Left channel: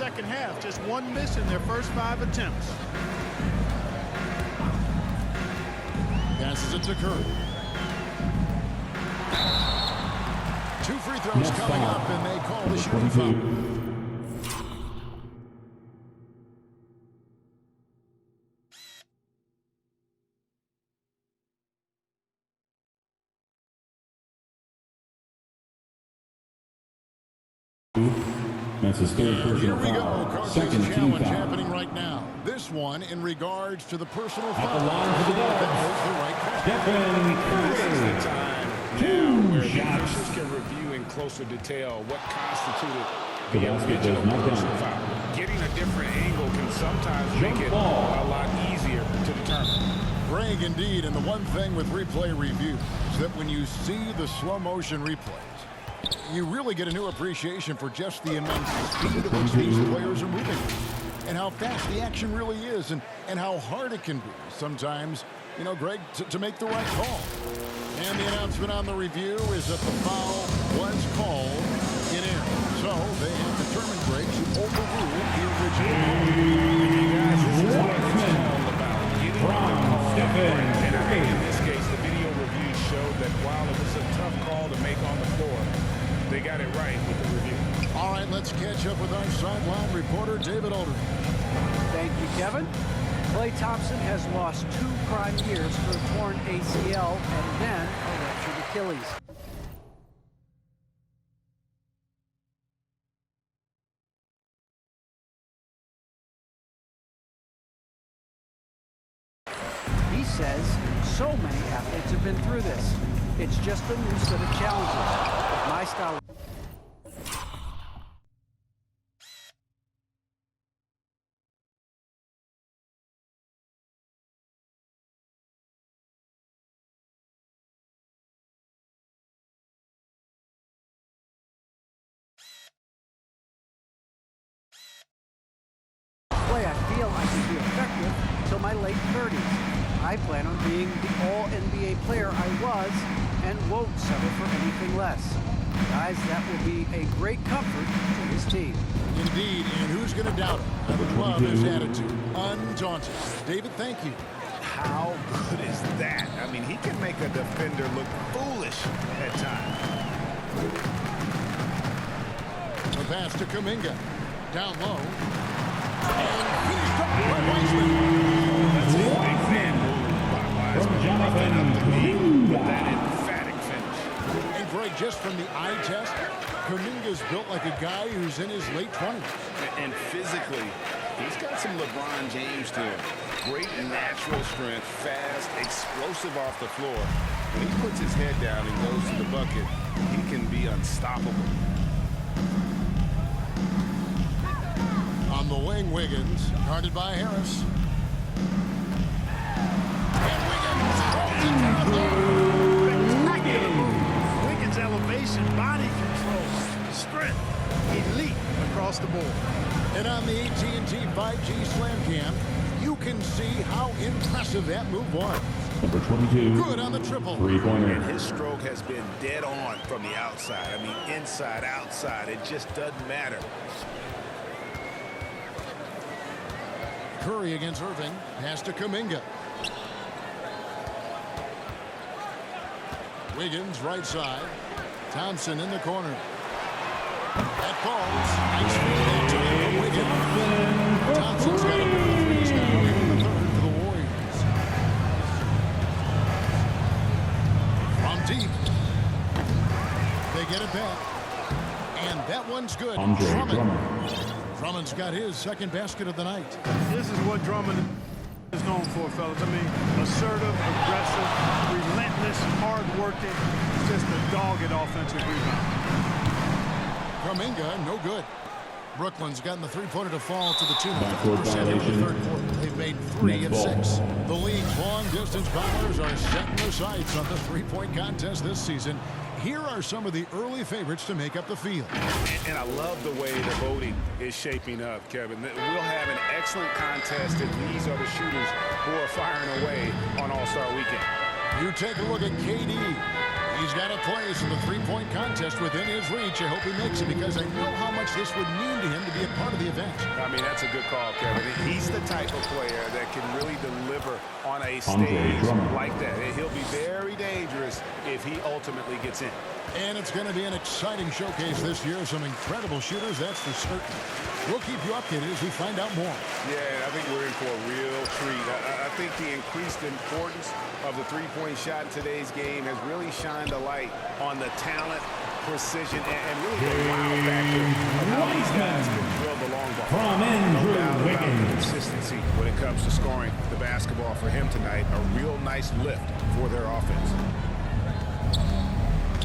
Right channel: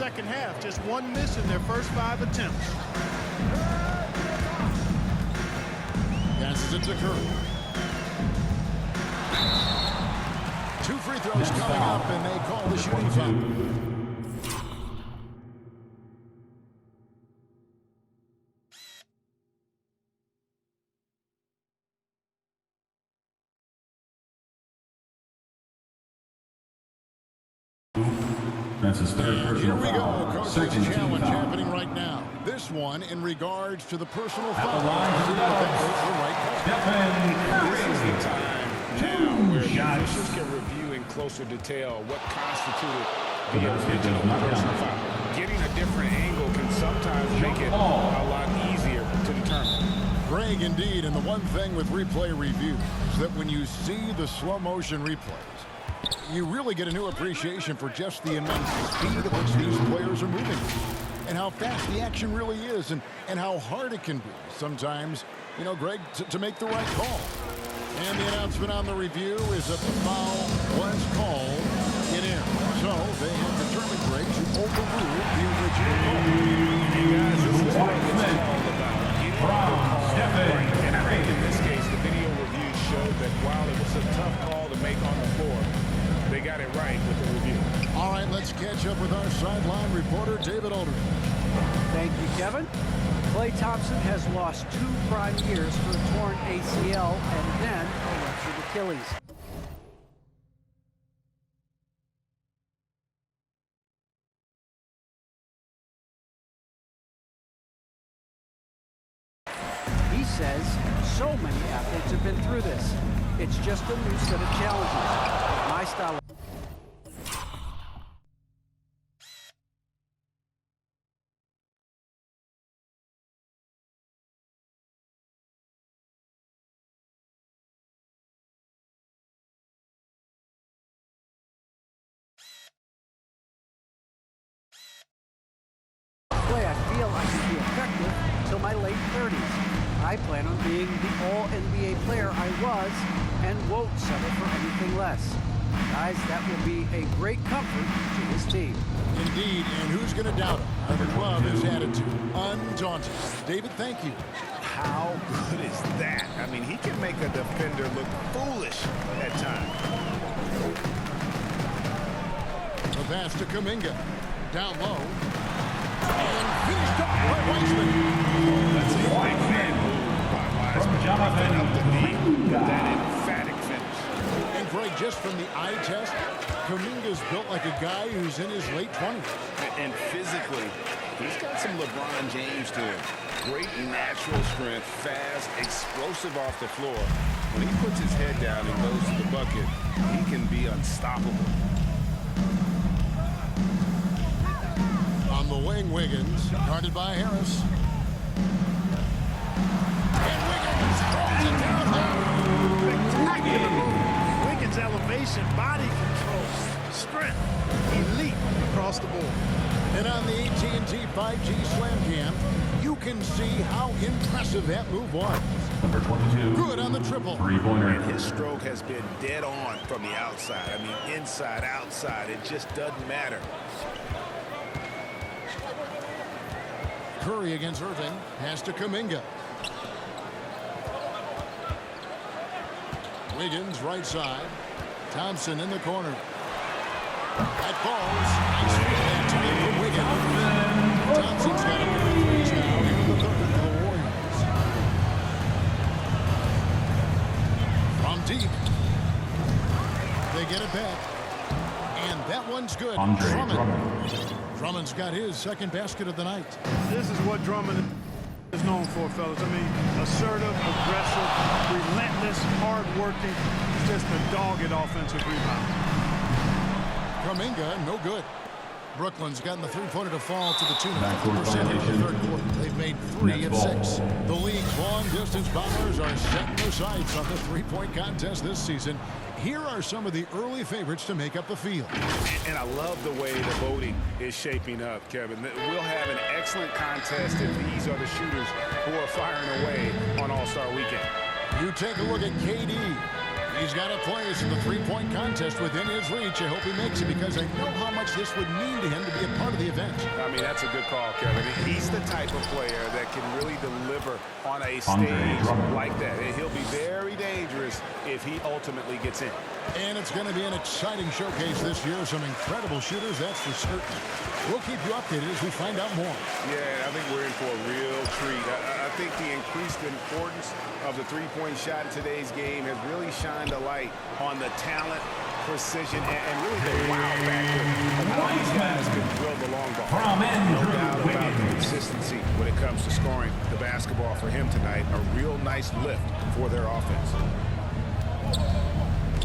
second half. Just one miss in their first 5 attempts. Passes it to Curry. 2 free throws coming up, and they call the shooting foul. That's his third personal foul. Here we go. Coach's challenge happening right now. This one in regards to the personal foul. At the line for the That was the right call. Stephen Curry. This is the time now where the officials can review in closer detail what constituted the original personal foul. Getting a different angle can sometimes make it a lot easier to determine. Greg, indeed, and the one thing with replay review is that when you see the slow motion replays, you really get a new appreciation for just the immense speed at which these players are moving and how fast the action really is and how hard it can be sometimes, you know, Greg, to make the right call. And the announcement on the review is that the foul was called in error. So they have determined, Greg, to overrule the original call. And you guys, this is what it's all about. Getting the call right. And I think in this case, the video review showed that while it was a tough call to make on the floor, they got it right with the review. All right, let's catch up with our sideline reporter, David Aldridge. Thank you, Kevin. Klay Thompson has lost 2 prime years for a torn ACL and then a ruptured Achilles. He says so many athletes have been through this. It's just a new set of challenges. With my style of play, I feel I can be effective till my late 30s. I plan on being the all-NBA player I was and won't settle for anything less. Guys, that will be a great comfort to his team. Indeed, and who's going to doubt him? I love his attitude. Undaunted. David, thank you. How good is that? I mean, he can make a defender look foolish at times. The pass to Kuminga. Down low. And finished off by Weissman. That's a big fan move by Wiseman. Roughing up the knee with that emphatic finish. And Greg, just from the eye test, Kuminga's built like a guy who's in his late 20s. And physically, he's got some LeBron James to him. Great natural strength, fast, explosive off the floor. When he puts his head down and goes to the bucket, he can be unstoppable. On the wing, Wiggins, guarded by Harris. And Wiggins throws it down low. Spectacular move. Wiggins' elevation, body control, strength, elite across the board. And on the AT&T 5G Slam Cam, you can see how impressive that move was. Number 22. Good on the triple. Three-pointer. And his stroke has been dead on from the outside. I mean, inside, outside, it just doesn't matter. Curry against Irving. Pass to Kuminga. Wiggins right side. Thompson in the corner. That falls. Nice feed that time from Wiggins. Thompson's got a pair of threes now here in the third for the Warriors. From deep. They get it back. And that one's good. Drummond's got his second basket of the night. This is what Drummond is known for, fellas. I mean, assertive, aggressive, relentless, hard-working. It's just a dogged offensive rebound. Kuminga, no good. Brooklyn's gotten the three-pointer to fall to the tune of 50% here in the third quarter. They've made 3 of 6. The league's long-distance bombers are setting their sights on the three-point contest this season. Here are some of the early favorites to make up the field. And I love the way the voting is shaping up, Kevin. We'll have an excellent contest if these are the shooters who are firing away on All-Star Weekend. You take a look at KD. He's got a place in the three-point contest within his reach. I hope he makes it because I know how much this would mean to him to be a part of the event. I mean, that's a good call, Kevin. He's the type of player that can really deliver on a Andre stage Drummond. like that. He'll be very dangerous if he ultimately gets in. And it's going to be an exciting showcase this year. Some incredible shooters, that's for certain. We'll keep you updated as we find out more. Yeah, I think we're in for a real treat. I think the increased importance of the three-point shot in today's game has really shined a light on the talent, precision, and really the wow factor of how these guys can drill the long ball. From No Andrew doubt about the Wiggins. consistency when it comes to scoring the basketball for him tonight. A real nice lift for their offense.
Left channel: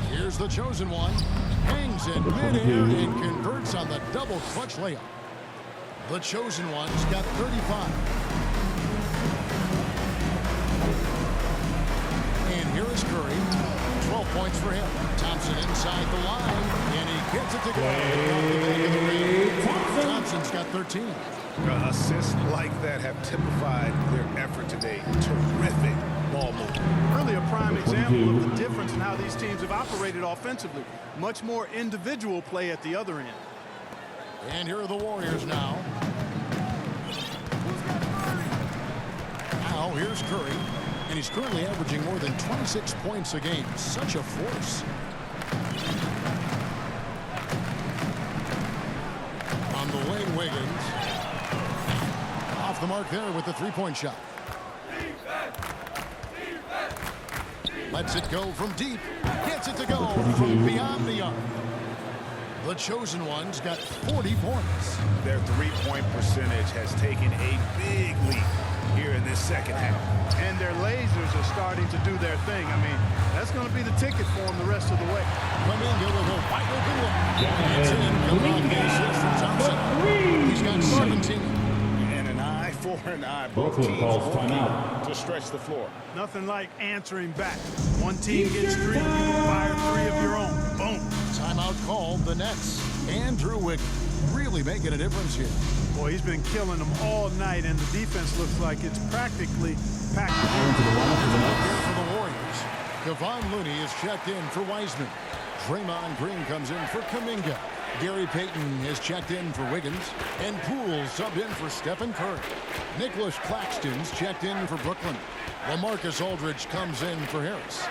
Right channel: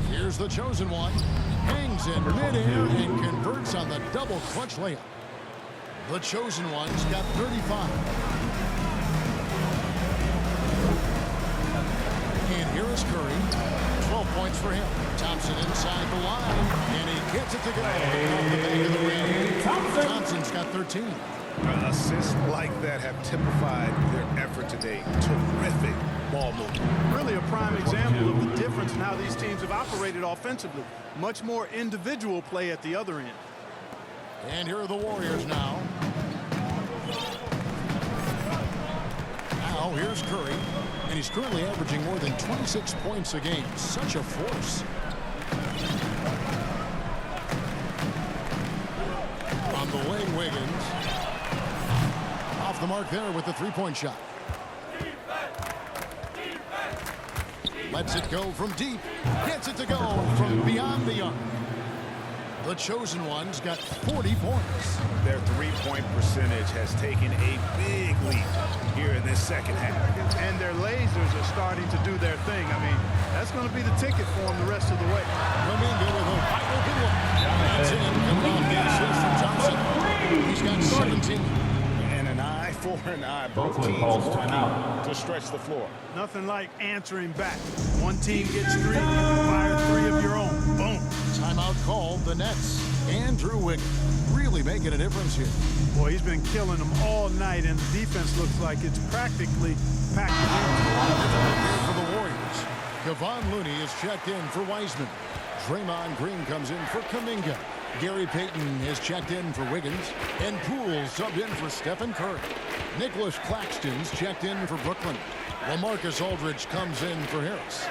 Here's the chosen one. Hangs in midair and converts on the double clutch layup. The chosen one's got 35. And here is Curry. 12 points for him. Thompson inside the line, and he gets it to go. Off the back of the rim. Thompson's got 13. Assists like that have typified their effort today. Terrific ball movement. Really a prime example of the difference in how these teams have operated offensively. Much more individual play at the other end. And here are the Warriors now. Now here's Curry. And he's currently averaging more than 26 points a game. Such a force. On the wing, Wiggins. Off the mark there with the three-point shot. Lets it go from deep. Gets it to go from beyond the arc. The chosen one's got 40 points. Their three-point percentage has taken a big leap here in this second half. And their lasers are starting to do their thing. I mean, that's going to be the ticket for them the rest of the way. Kuminga with a wide open look. That's in. Coming off the assist from Johnson. He's got 17. And an eye for an eye. Both Brooklyn teams calls working timeout. to stretch the floor. Nothing like answering back. One team gets three, you can fire three of your own. Boom. Timeout called the Nets. Andrew Wiggins really making a difference here. Boy, he's been killing them all night, and the defense looks like it's practically packed it in. Here for the Warriors. Kevon Looney is checked in for Wiseman. Draymond Green comes in for Kuminga. Gary Payton is checked in for Wiggins. And Poole subbed in for Stephen Curry. Nicholas Claxton's checked in for Brooklyn. LaMarcus Aldridge comes in for Harris.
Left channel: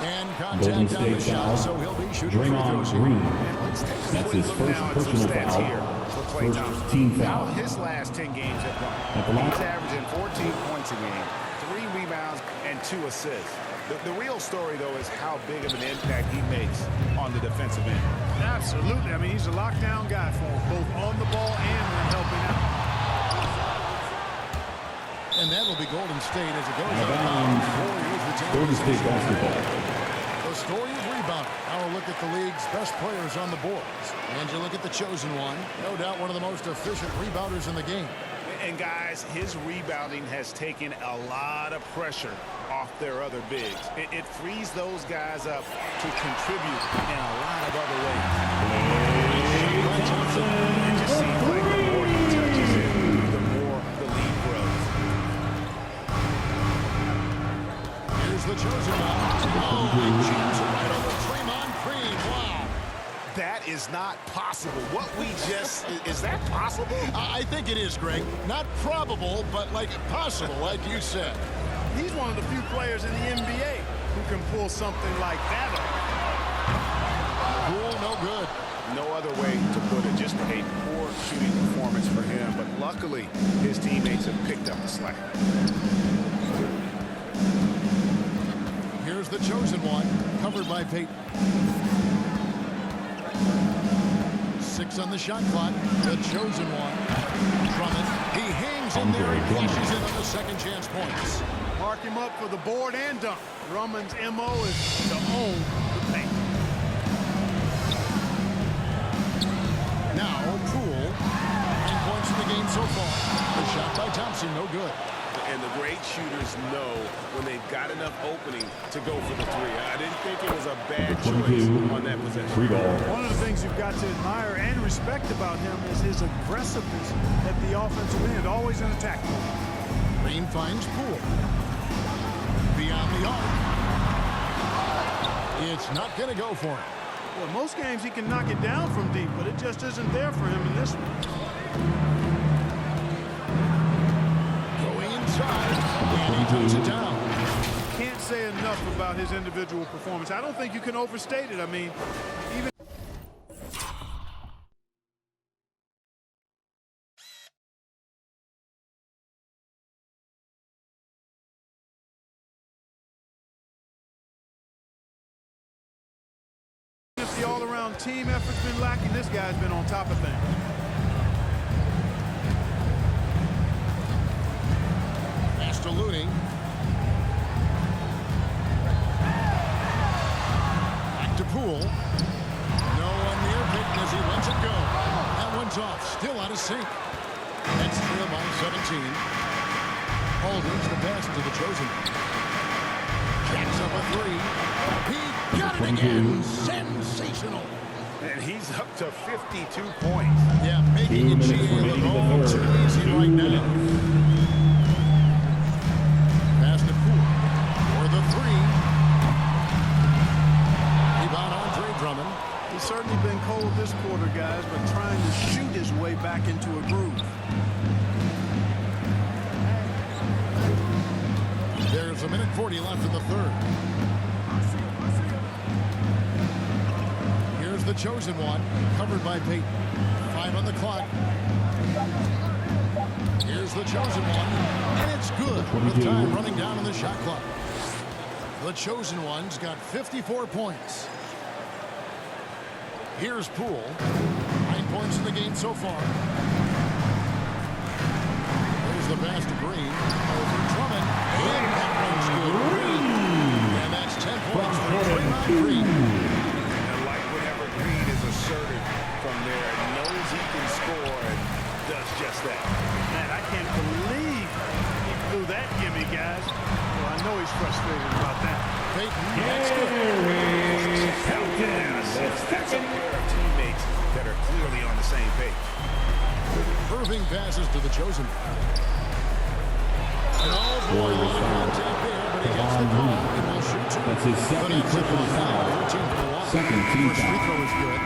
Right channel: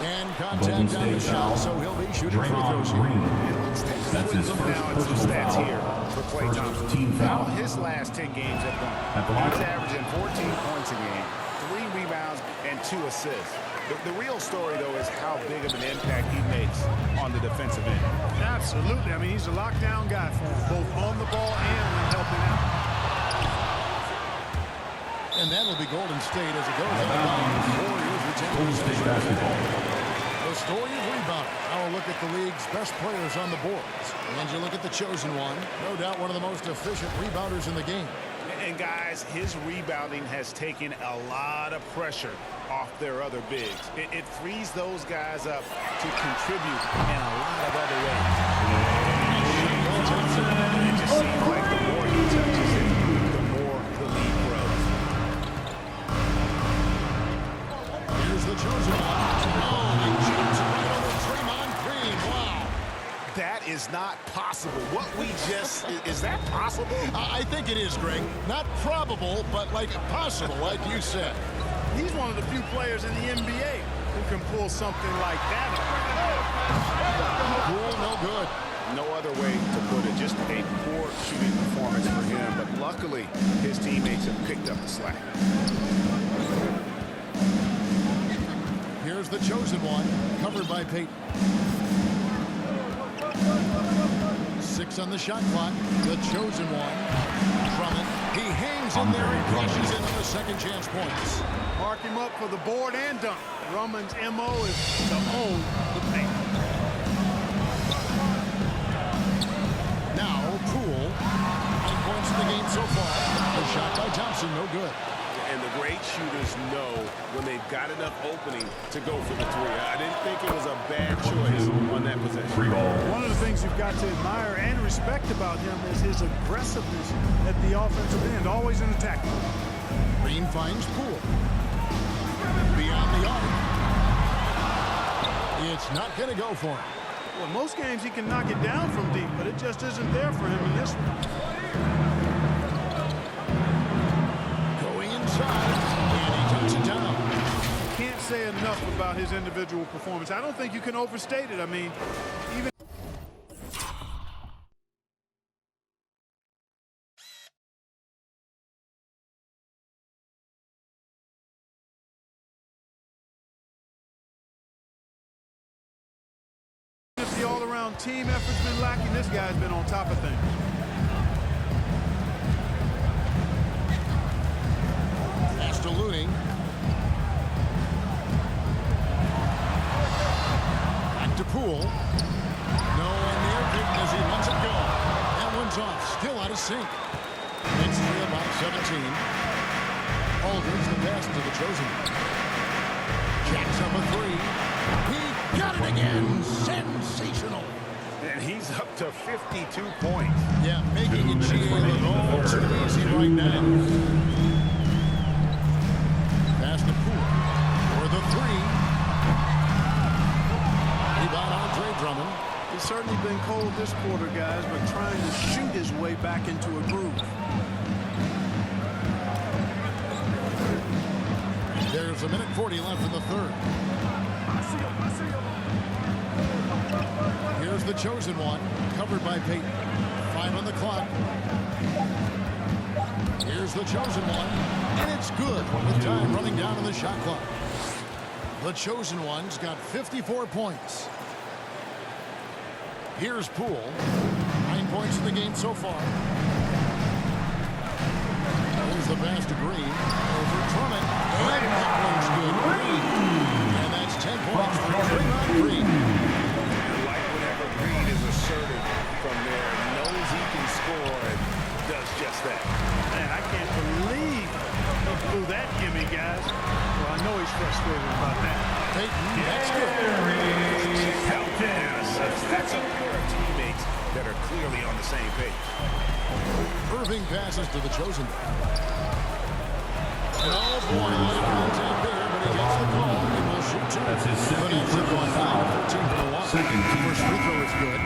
And Golden contact on the State shot, foul. so he'll be shooting free throws Draymond here. Green. And let's take a That's quick his look first now at some personal stats foul. here for Klay First Thompson. team How foul. his last 10 games have At the gone. line. He's averaging 14 points a game, 3 rebounds, and 2 assists. The real story, though, is how big of an impact he makes on the defensive end. Absolutely. I mean, he's a lockdown guy for him, both on the ball and when helping out. And that'll be Golden State as it goes out of bounds. Warriors retain Golden State possession. basketball. The story of rebounding. Now a look at the league's best players on the boards. And you look at the chosen one. No doubt one of the most efficient rebounders in the game. And, guys, his rebounding has taken a lot of pressure off their other bigs. It frees those guys up to contribute in a lot of other ways. By Thompson. It just seems like the more he touches it, the more the lead grows. Here's the chosen one. Oh, he jams it right over Draymond Green. Wow. That is not possible. What we just... is that possible? I think it is, Greg. Not probable, but like possible, like you said. He's one of the few players in the NBA who can pull something like that off. Cool, no good. No other way to put it. Just a poor shooting performance for him. But luckily, his teammates have picked up the slack. Here's the chosen one, covered by Payton. 6 on the shot clock. The chosen one, Drummond. He hangs in there and cashes in on the second chance points. Mark him up for the board and dunk. Drummond's MO is to own the paint. Now, Poole. 9 points in the game so far. The shot by Thompson, no good. And the great shooters know when they've got enough opening to go for the three. I didn't think it was a bad choice on that possession. Free ball. One of the things you've got to admire and respect about him is his aggressiveness at the offensive end, always in attack mode. Green finds Poole. Beyond the arc. It's not going to go for him. Well, in most games he can knock it down from deep, but it just isn't there for him in this one. Going inside, and he tucks it down. Can't say enough about his individual performance. I don't think you can overstate it. I mean, even if the all-around team effort's been lacking, this guy's been on top of things. Pass to Looney. Back to Poole. No one near Peyton as he lets it go. That one's off. Still out of sync. Nets trail by 17. Aldridge the pass to the chosen. Jacks up a three. He got it again. Sensational. And he's up to 52 points. Yeah, making it GA look all too easy right now. Pass to Poole for the three. Rebound Andre Drummond. He's certainly been cold this quarter, guys, but trying to shoot his way back into a groove. There's a minute 40 left in the third. Here's the chosen one, covered by Peyton. 5 on the clock. Here's the chosen one, and it's good with time running down on the shot clock. The chosen one's got 54 points. Here's Poole. 9 points in the game so far. There's the pass to Green. Over Drummond. And that one's good. Green. And that's 10 points for Draymond Green. And like whenever Green is assertive from there, knows he can score and does just that. Man, I can't believe he blew that gimme, guys. Well, I know he's frustrated about that. Peyton, that's good. Check out that assist. That's a pair of teammates that are clearly on the same page. Irving passes to the chosen. And oh boy, a little contact there, but he gets the call. He will shoot two. That's his second But that's personal foul. 13 for the line. Second team First free foul. throw is good.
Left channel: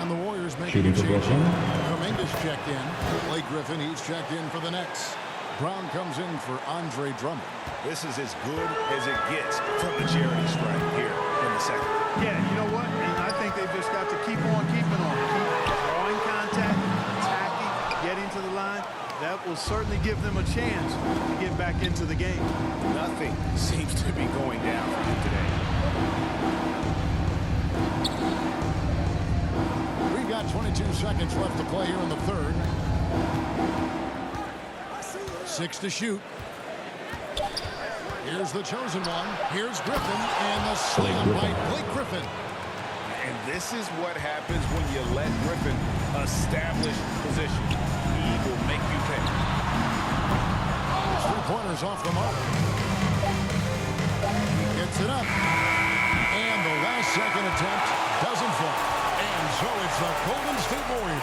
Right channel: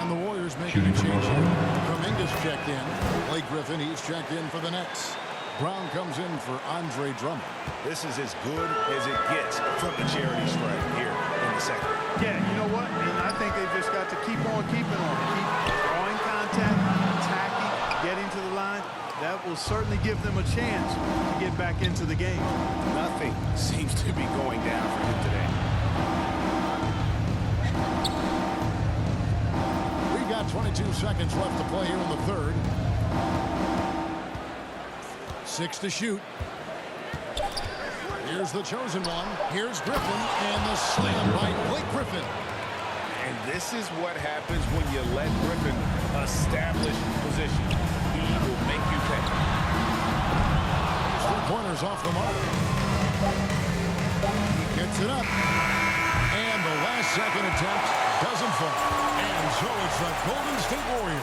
And the Warriors making a Shooting for change Brooklyn. here. Kuminga's checked in. Blake Griffin, he's checked in for the Nets. Brown comes in for Andre Drummond. This is as good as it gets from the charity stripe here in the second. Yeah, you know what? And I think they've just got to keep on keeping on. Keep drawing contact, attacking, getting to the line. That will certainly give them a chance to get back into the game. Nothing seems to be going down for him today. We've got 22 seconds left to play here in the third. 6 to shoot. Here's the chosen one. Here's Griffin, and the slam by Blake Griffin. And this is what happens when you let Griffin establish position. He will make you pay. His three-pointers off the mark. He gets it up. And the last second attempt doesn't fall. And so it's the Golden State Warriors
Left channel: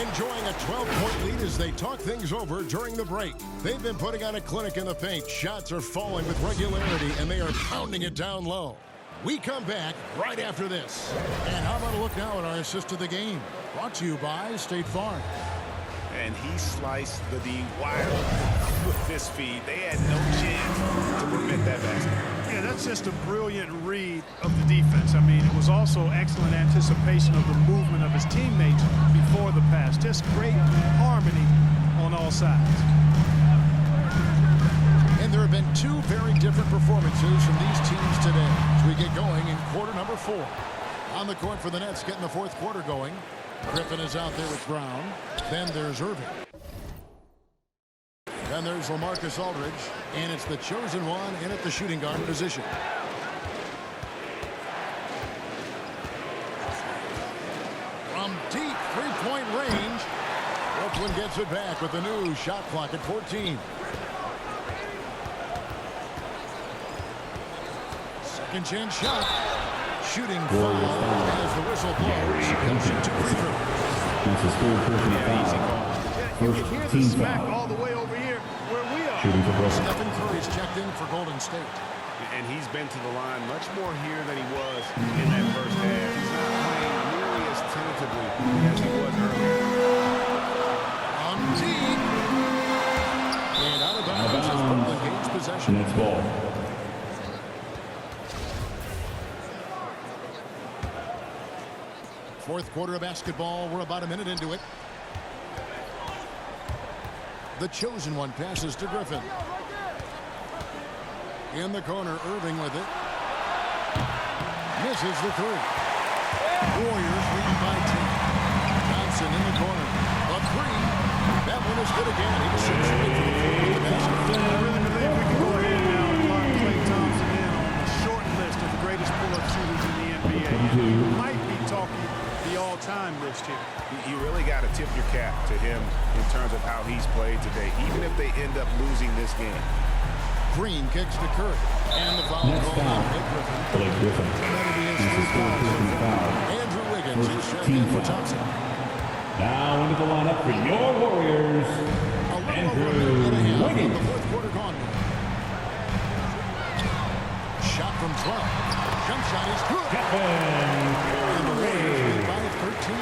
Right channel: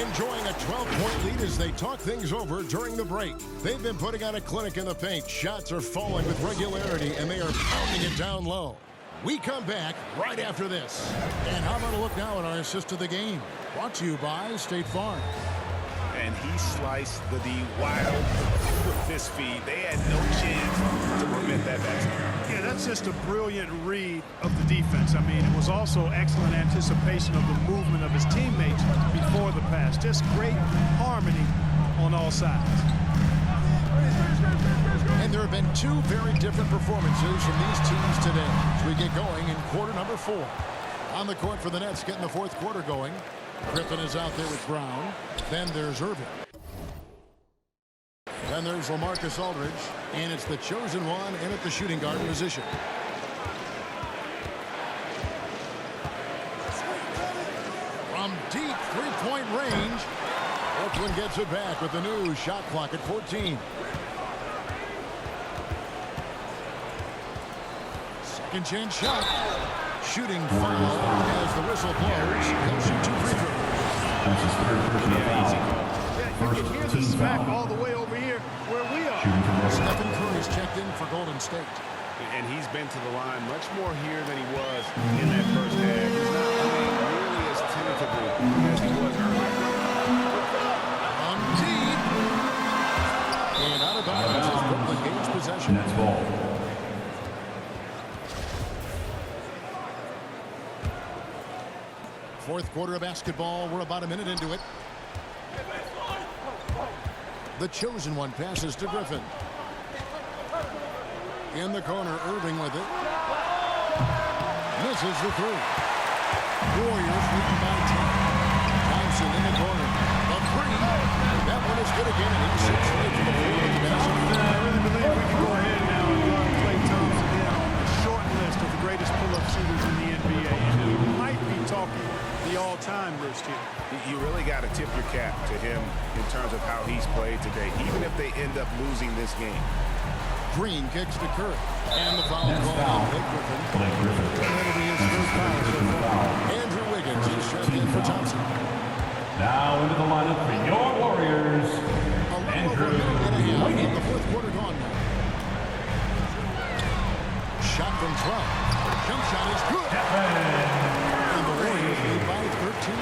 enjoying a 12-point lead as they talk things over during the break. They've been putting on a clinic in the paint. Shots are falling with regularity, and they are pounding it down low. We come back right after this. And how about a look now at our assist of the game? Brought to you by State Farm. And he sliced the D wild with this feed. They had no chance to prevent that basket. Yeah, that's just a brilliant read of the defense. I mean, it was also excellent anticipation of the movement of his teammates before the pass. Just great harmony on all sides. And there have been two very different performances from these teams today as we get going in quarter number 4. On the court for the Nets, getting the fourth quarter going. Griffin is out there with Brown. Then there's Irving. Then there's LaMarcus Aldridge. And it's the chosen one in at the shooting guard position. From deep three-point range, Brooklyn gets it back with the new shot clock at 14. Second chance shot. Shooting foul as the whistle blows. He'll shoot 2 free throws. That's his third personal foul. Easy call. Yeah, you First can hear the team smack foul. all the way over here where we are. Shooting for Brooklyn. Stephen Curry's checked in for Golden State. And he's been to the line much more here than he was in that first half. He's not playing nearly as tentatively as he was earlier. From deep. And out of bounds as Brooklyn gains possession. Nets ball. Fourth quarter of basketball. We're about a minute into it. The chosen one passes to Griffin. In the corner, Irving with it. Misses the three. Warriors leading by 10. Thompson in the corner. The three. That one is good again. He shoots right to the floor with the basket. I really believe we can go ahead now and lock Klay Thompson in on the short list of the greatest pull-up shooters in the NBA. And we might be talking the all-time list here. You really got to tip your cap to him in terms of how he's played today, even if they end up losing this game. Green kicks to Curry. And the foul called on Blake Griffin. And that'll be his third foul so far. Andrew Wiggins is checked in for Thompson. Now into the lineup for your Warriors, A little over a minute and a half of the fourth quarter gone now. Shot from 12. Jump shot is good. And the Warriors lead by 13.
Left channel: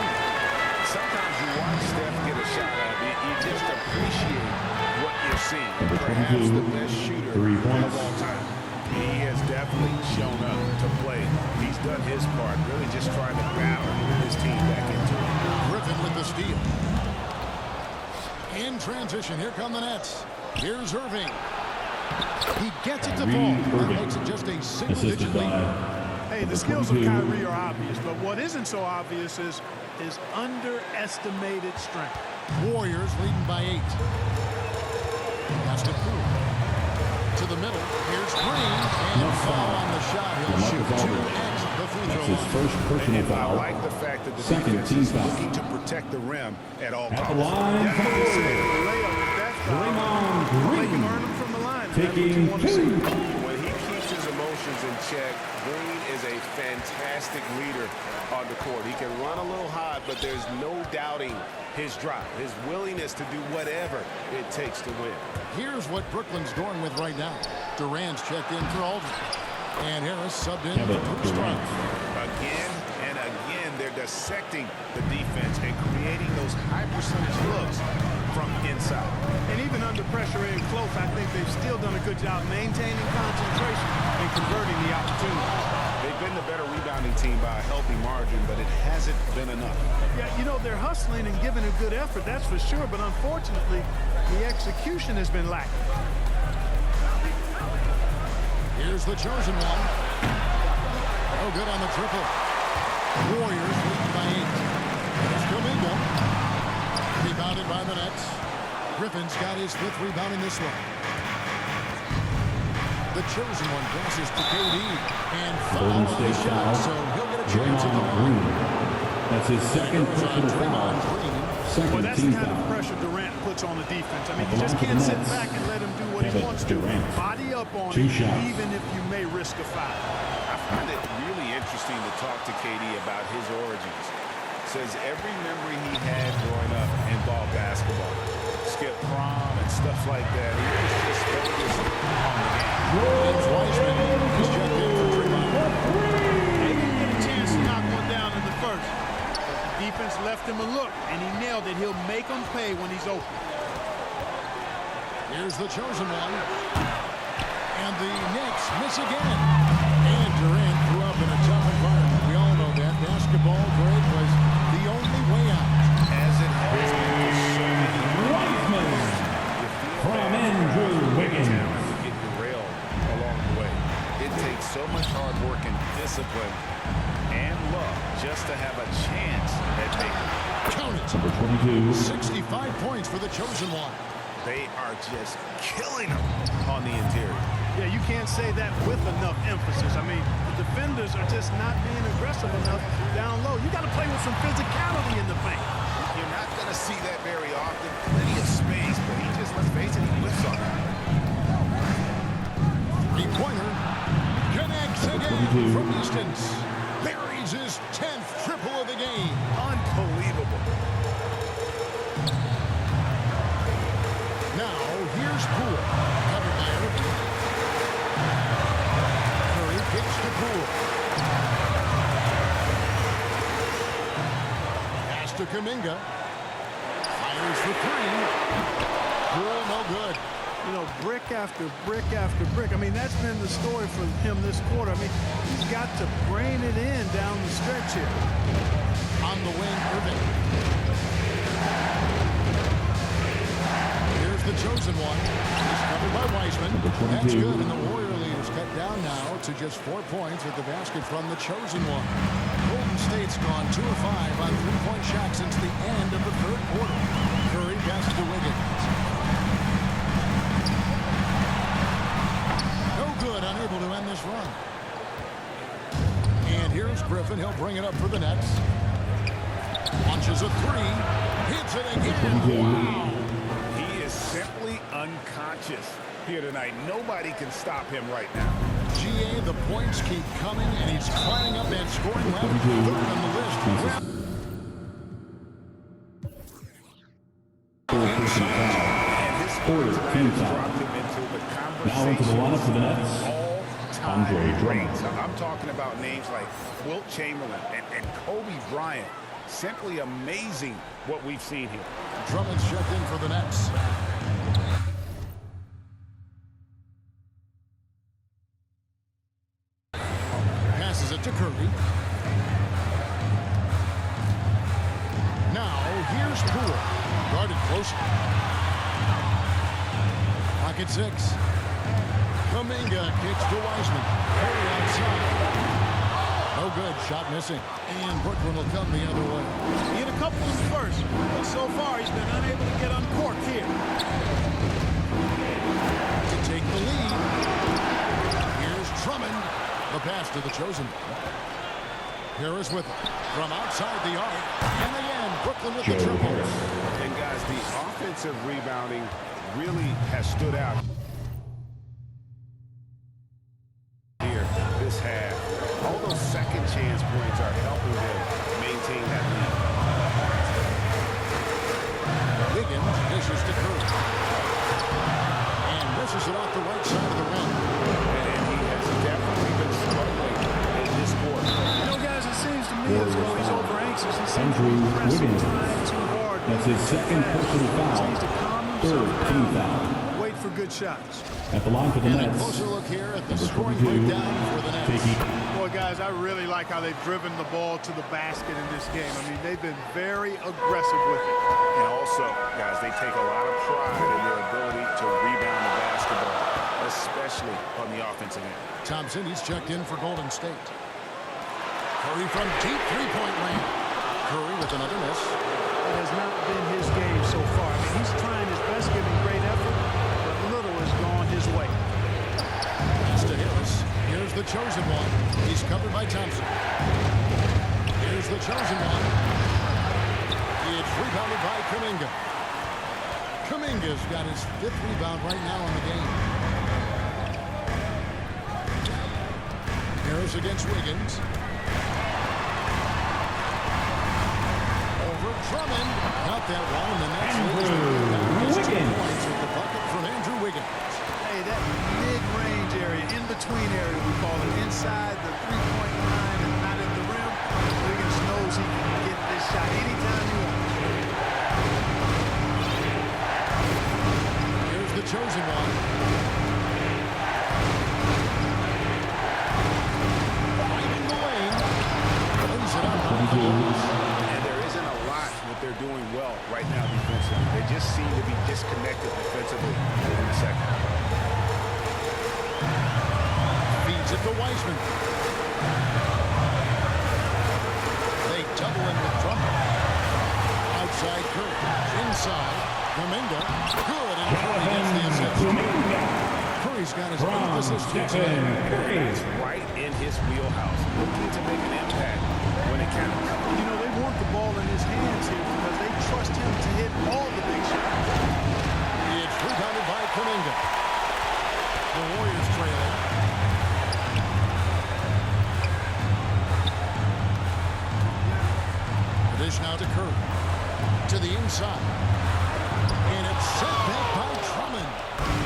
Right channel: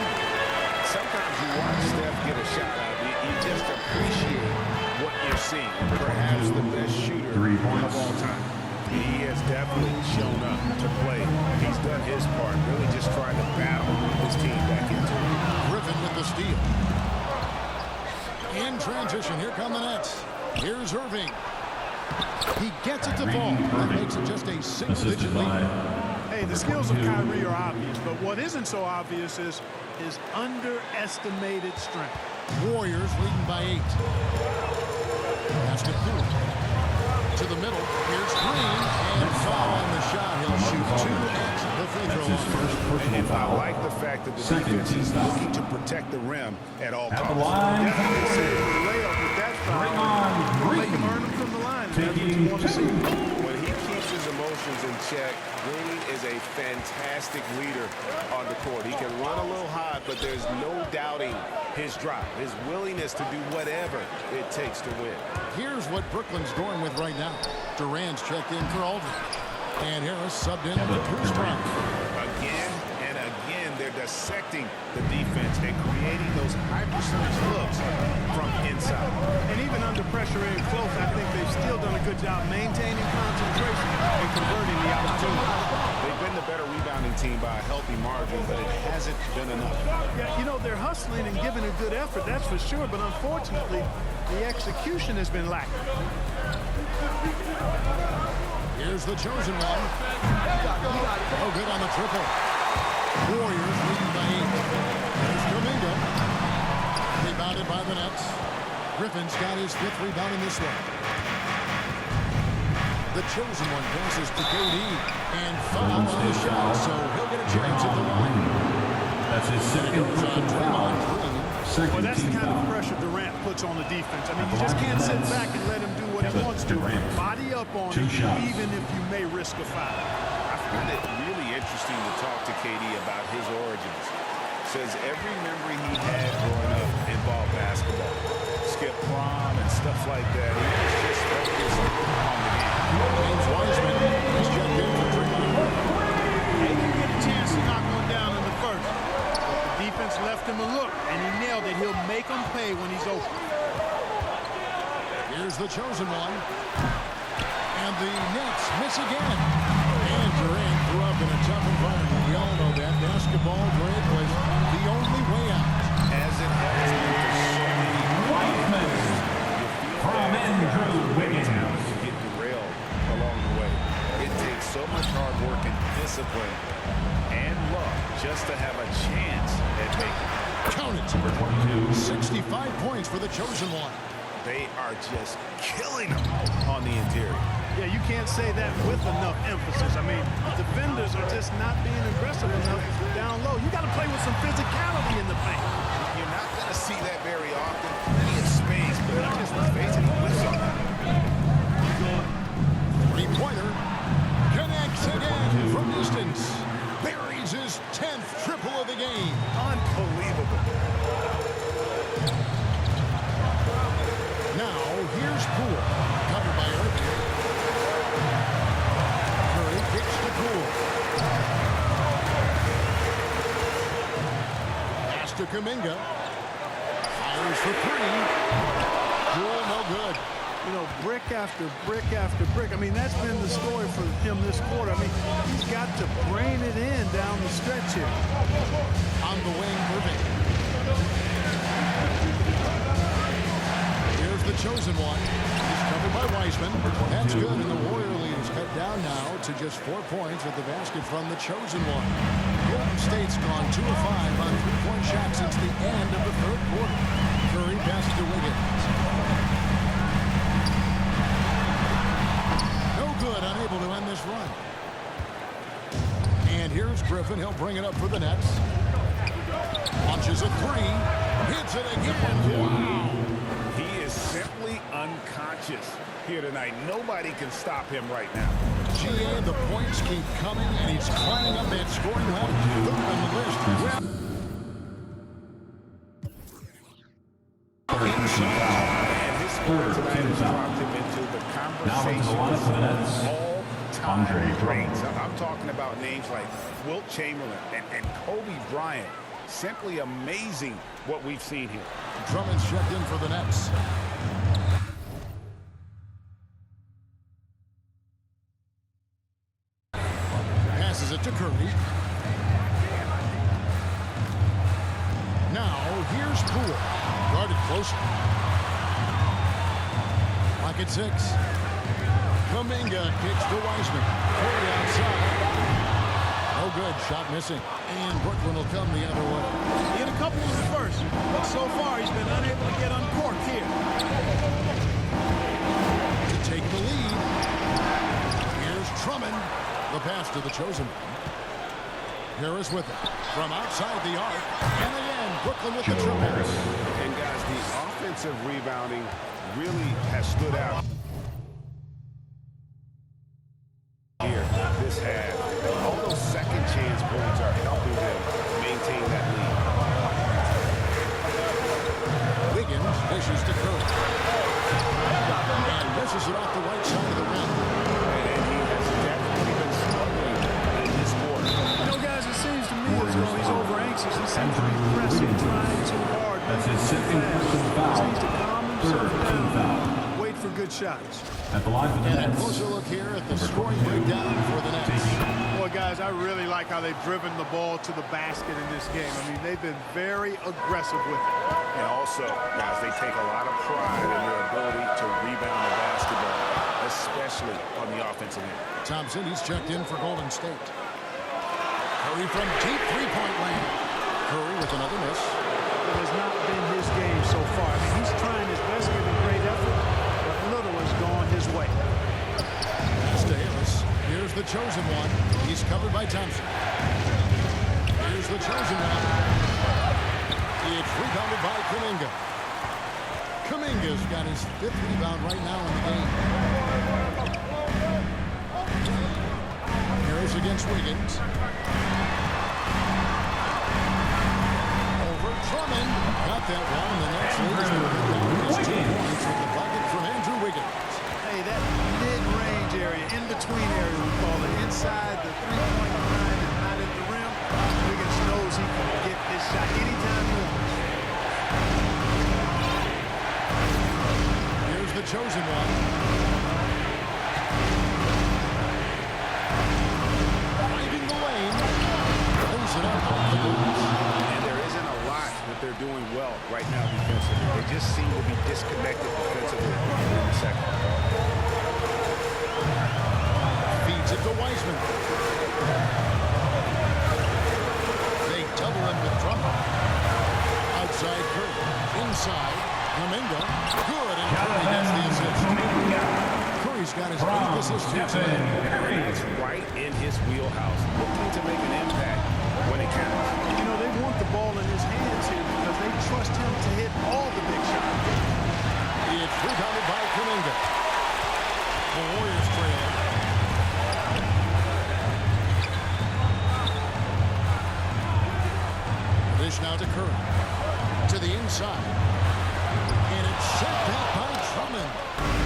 Sometimes you watch Steph get a shot up, you just appreciate what you're seeing. Perhaps the best shooter 3 points. of all time. He has definitely shown up to play. He's done his part, really just trying to battle his team back into it. Griffin with the steal. In transition, here come the Nets. Here's Irving. He gets it to fall. That makes it just a single-digit lead. Hey, the skills of Kyrie are obvious, but what isn't so obvious is his underestimated strength. Warriors leading by 8. Pass to Poole. To the middle. Here's Green. And foul on the shot. He'll shoot 2 at the free throw That's his line. first personal And I foul. like the fact that the Second defense team is foul. looking to protect the rim at all At the costs. line, Definitely save the layup with that bring foul. on Make him Green. earn them from the line. And that's what Taking you want to see. When he keeps his emotions in check, Green is a fantastic leader on the court. He can run a little hot, but there's no doubting his drive, his willingness to do whatever it takes to win. Here's what Brooklyn's going with right now. Durant's checked in for Aldridge. And Harris subbed in for Bruce Brown. Again and again, they're dissecting the defense and creating those high percentage looks from inside. And even under pressure and close, I think they've still done a good job maintaining concentration and converting the opportunities. They've been the better rebounding team by a healthy margin, but it hasn't been enough. Yeah, you know, they're hustling and giving a good effort, that's for sure, but unfortunately, the execution has been lacking. Here's the chosen one. Oh, good on the triple. Warriors leading by 8. Here's Kuminga. Rebounded by the Nets. Griffin's got his 5th rebound in this one. The chosen one passes to KD. And foul on the shot, so he'll get a chance at the line. That's his And it second goes on personal foul. Draymond Green. Second Well, that's the team kind foul. of pressure Durant puts on the defense. I mean, you At the just line can't for the sit Nets. back and let him do what Yeah, he but wants to. Durant. Body up on 2 him, shots. even if you may risk a foul. I find it really interesting to talk to KD about his origins. Says every memory he had growing up involved basketball. Skip prom and stuff like that. He was just focused on the game. James Wiseman. He's checked in for Draymond Green. They didn't get a chance to knock one down in the first. But the defense left him a look, and he nailed it. He'll make them pay when he's open. Here's the chosen one. And the Nets miss again. And Durant grew up in a tough environment. We all know that. Basketball, Greg, was the only way out. As it has been for so many NBA players. You feel From bad for guys Andrew with great Wiggins. talent who get derailed along the way. It takes so much hard work and discipline and luck just to have a chance at making it. Count it. Number 22. 65 points for the chosen one. They are just killing them on the interior. Yeah, you can't say that with enough emphasis. I mean, the defenders are just not being aggressive enough down low. You got to play with some physicality in the paint. You're not going to see that very often. Plenty of space, but he just, let's face it, he whiffs on it. Three-pointer. Connects again from distance. Buries his 10th triple of the game. Unbelievable. Now, here's Poole. Covered by Irving. Kicks to Poole. Pass to Kuminga. Fires for three. Poole, no good. You know, brick after brick after brick. I mean, that's been the story for him this quarter. I mean, he's got to brain it in down the stretch here. On the wing, Irving. Here's the chosen one. He's covered by Wiseman. That's good, and the Warrior lead is cut down now to just 4 points at the basket from the chosen one. Golden State's gone 2 of 5 on three-point shots since the end of the third quarter. Curry passes to Wiggins. Good, unable to end this run. And here's Griffin. He'll bring it up for the Nets. Launches a three. Hits it again. Wow. He is simply unconscious here tonight. Nobody can stop him right now. GA, the points keep coming, and he's climbing up that scoring ladder. Third on the list. Well, inside. His scoring tonight has dropped him into the conversation of all-time greats. I'm talking about names like Wilt Chamberlain and Kobe Bryant. Simply amazing what we've seen here. Drummond's checked in for the Nets. Passes it to Curry. Now, here's Poole. Guarded closer. Lock at 6. Kuminga kicks to Wiseman. Curry outside. No good. Shot missing. And Brooklyn will come the other way. He hit a couple in the first, but so far he's been unable to get uncorked here. To take the lead. Here's Drummond. The pass to the chosen one. Harris with it. From outside the arc. And again, Brooklyn with the triple. And guys, the offensive rebounding really has stood out here this half. All those second chance points are helping them maintain that lead. Wiggins dishes to Curry. And misses it off the right side of the rim. And he has definitely been struggling in this quarter. You know, guys, it seems to me as though he's over anxious. He seems to be pressing, trying too hard. That's his second personal foul. Needs to calm himself down. Wait for good shots. At the line for the And Nets. a closer look here at the scoring breakdown for the Nets. Boy, guys, I really like how they've driven the ball to the basket in this game. I mean, they've been very aggressive with it. And also, guys, they take a lot of pride in their ability to rebound the basketball, especially on the offensive end. Thompson, he's checked in for Golden State. Curry from deep three-point land. Curry with another miss. It has not been his game so far. I mean, he's trying his best, giving great effort, but little has gone his way. Pass to Harris. Here's the chosen one. He's covered by Thompson. Here's the chosen one. It's rebounded by Kuminga. Kuminga's got his 5th rebound right now in the game. Harris against Wiggins. Over Drummond. Got that one, and the Nets lead has been cut down to just 2 points with the bucket from Andrew Wiggins. Hey, that mid-range area, in-between area, we call it, inside the three-point line and not at the rim, Wiggins knows he can get this shot anytime he wants. Here's the chosen one. Driving the lane. Lays it up off the glass. And there isn't a lot that they're doing well right now defensively. They just seem to be disconnected defensively in the second. Feeds it to Wiseman. They double in with Drummond. Outside Curry. Inside. Kuminga. Good, and Curry gets the assist. Curry's got his 8th assist here today. That's right in his wheelhouse. Looking to make an impact when it counts. You know, they want the ball in his hands here because they trust him to hit all the big shots. It's rebounded by Kuminga. The Warriors trailing. The dish now to Curry. To the inside. And it's sent back by Drummond.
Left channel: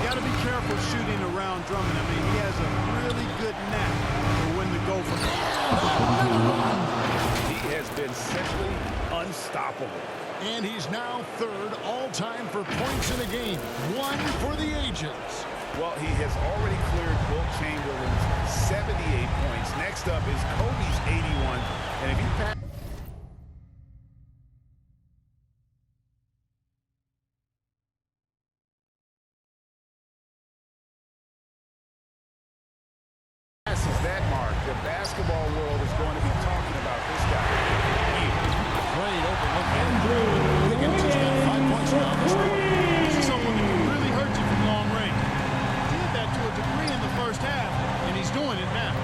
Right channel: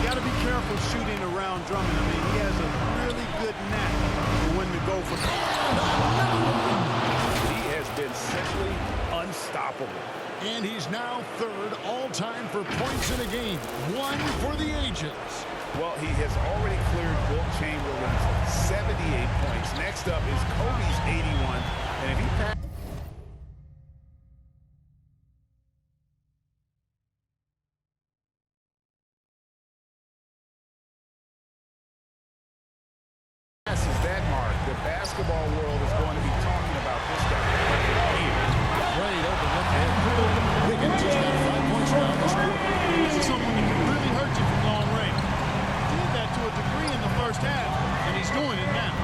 You got to be careful shooting around Drummond. I mean, he has a really good knack for when to go for. He has been simply unstoppable. And he's now third all-time for points in a game. One for the ages. Well, he has already cleared Wilt Chamberlain's 78 points. Next up is Kobe's 81. And if he passes that mark, the basketball world is going to be talking about this guy for years. Great open look there. Wiggins has got 5 points now this quarter. This is someone that can really hurt you from long range. Did that to a degree in the first half, and he's doing it now.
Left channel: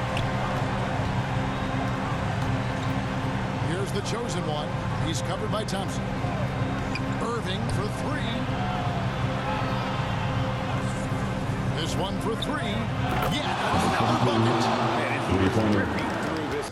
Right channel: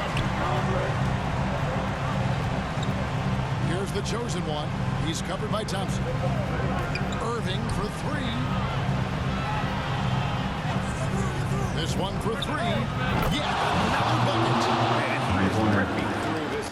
Here's the chosen one. He's covered by Thompson. Irving for three. This one for three. Yeah, another bucket. Man, he is ripping through this.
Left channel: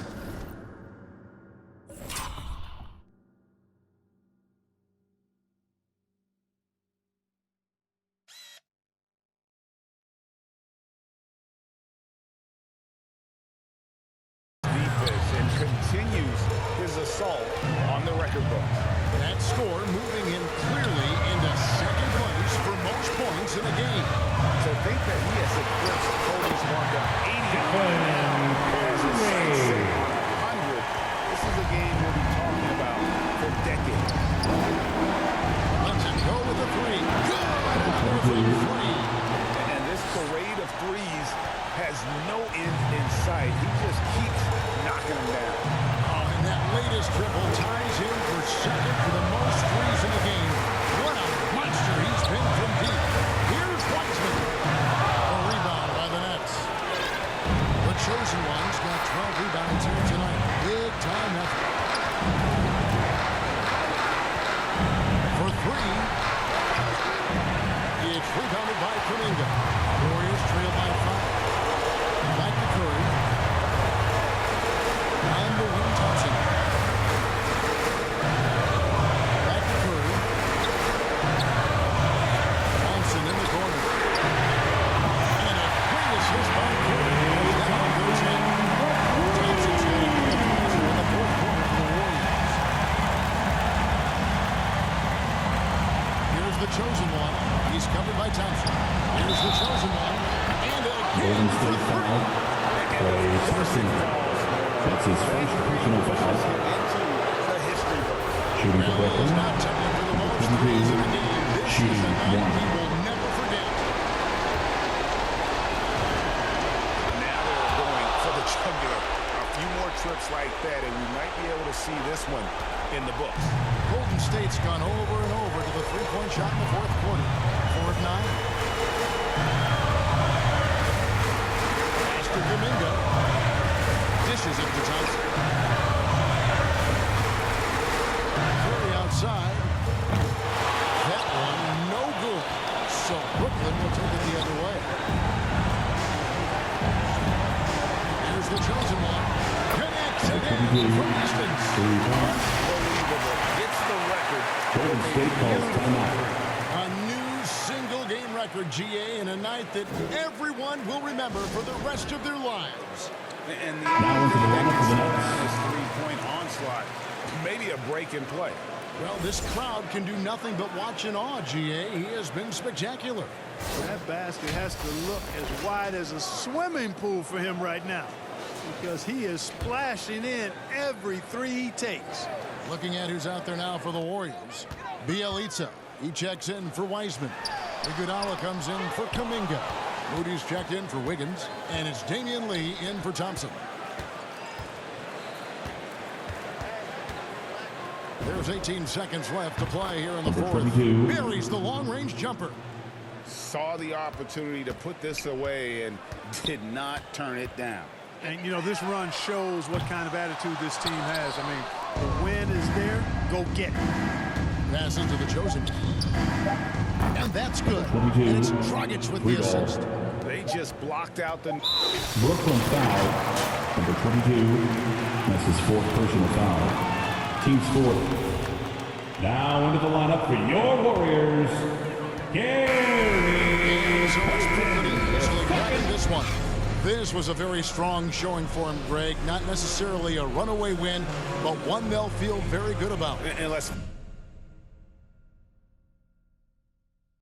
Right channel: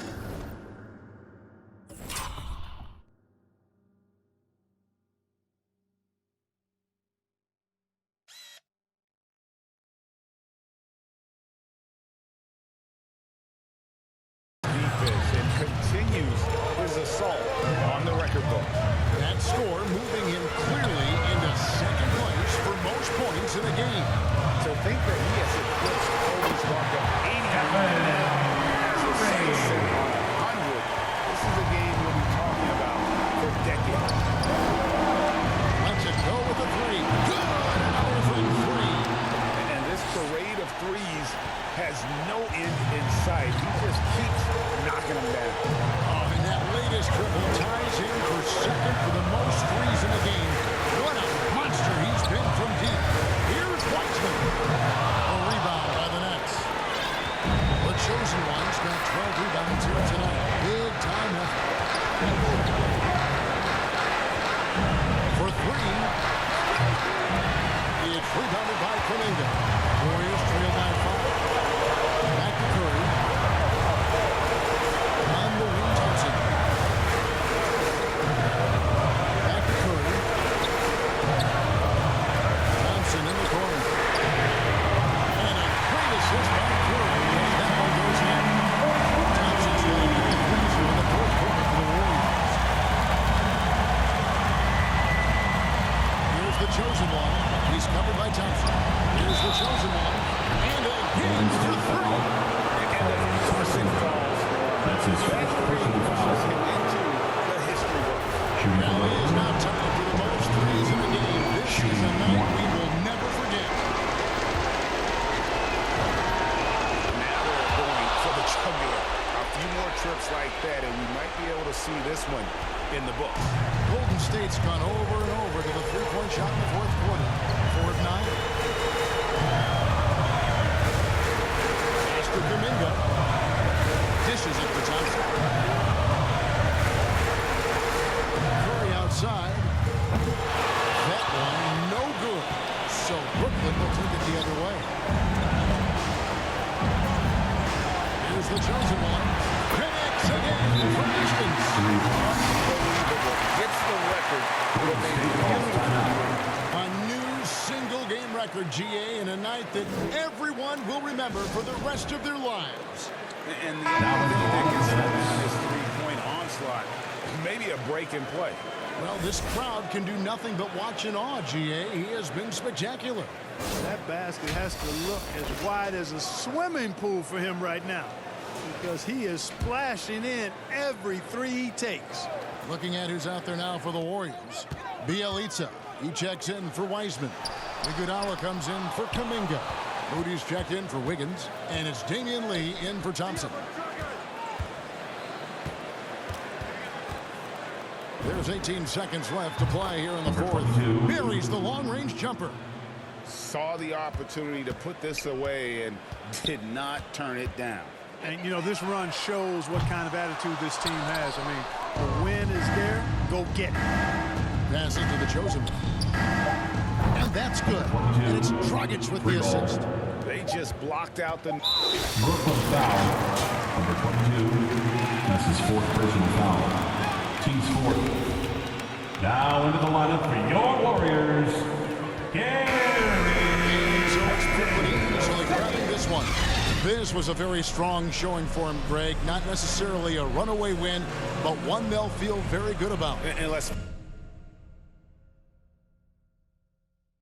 Defense and continues his assault on the record books. That score moving him clearly into second place for most points in a game. To think that he has eclipsed Kobe's mark of 81 and now has his sights set on 100. This is a game we'll be talking about for decades. Lets it go with a three. Good! Another from three. And this parade of threes has no end in sight. He just keeps knocking them down. Oh, and that latest triple ties him for second for the most threes in the game. What a monster he's been from deep. Here's Wiseman. A rebound by the Nets. The chosen one's got 12 rebounds here tonight. Big time effort. For three. It's rebounded by Kuminga. Warriors trail by 5. Back to Curry. On the wing, Thompson. Back to Curry. Thompson in the corner. And a great assist by Curry as that one goes in. Thompson's got a pair of threes here in the fourth quarter for the Warriors. Here's the chosen one. He's covered by Thompson. Here's the chosen one. And again for three. And of course it falls for him. That's his That first three personal pushes foul. him into the history books. Shooting for Rally is Brooklyn. now tied for the most threes in a game. This is Shooting a night one. we will never forget. Now they're going for the jugular. A few more trips like that, and we might be able to see this one in the books. Golden State's gone over and over to the three-point shot in the fourth quarter. 4 of 9. Pass to Kuminga. Dishes it to Thompson. Curry outside. That one no good. So Brooklyn will take it the other way. Here's the chosen one. Connects again from distance. Unbelievable. Gets the record Golden with a State calls beautiful timeout. three. A new single-game record, GA, in a night that everyone will remember for the rest of their lives. And the only thing that can slow down his three-point onslaught, maybe a break in play. Well, this crowd can do nothing but watch in awe, GA. He has been spectacular. That basket has to look as wide as a swimming pool for him right now, because he is splashing in every three he takes. Looking at who's out there now for the Warriors. Bjelica. He checks in for Wiseman. Iguodala comes in for Kuminga. Moody's checked in for Wiggins. And it's Damian Lee in for Thompson. There's 18 seconds left to play here in the Number fourth. 22. Buries the long-range jumper. Saw the opportunity to put this away and did not turn it down. And, you know, this run shows what kind of attitude this team has. I mean, the win is there. Go get it. Pass into the chosen one. And that's good. 22. And it's Dragic with the Free ball. assist. They just blocked out the... Brooklyn foul. Number 22. That's his fourth personal foul. Team's fourth. Now into the lineup for your Warriors, Gary Game's over this one. This was a very strong showing for him, Greg. Not necessarily a runaway win, but one they'll feel very good about. And let's